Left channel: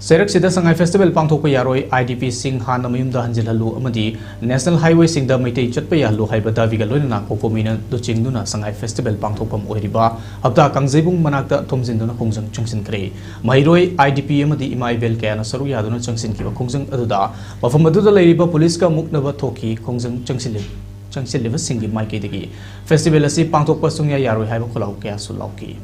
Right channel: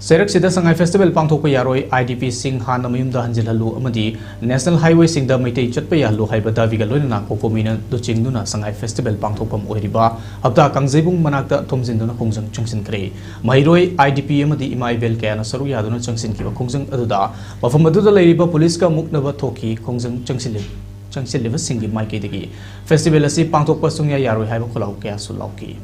Serak Sida Sangai Festival pangthokpa yaroi IDP Sing Han Namayumda Hanjilhalu amadi National Highway Singda Maitei Chatpa Yalu Haibada Viga Loina COCOMI na luchingduna Sangai Festival pangthokpam oiriba Hapta Kangjebung Manakta Thomjinduna Khongjang Chungsin Kre Mahiroi IDP amadi Ima Ibel Kayana Saru Yaduna Chungsin Kiba Khongjang aduda Mafam aduda leiriba police ka muknaba thokkhi Khongjang Chungsilliba Singi Maikidagi Festival asi pangthokpa sungya yaroi haiba kholau kaya sulauki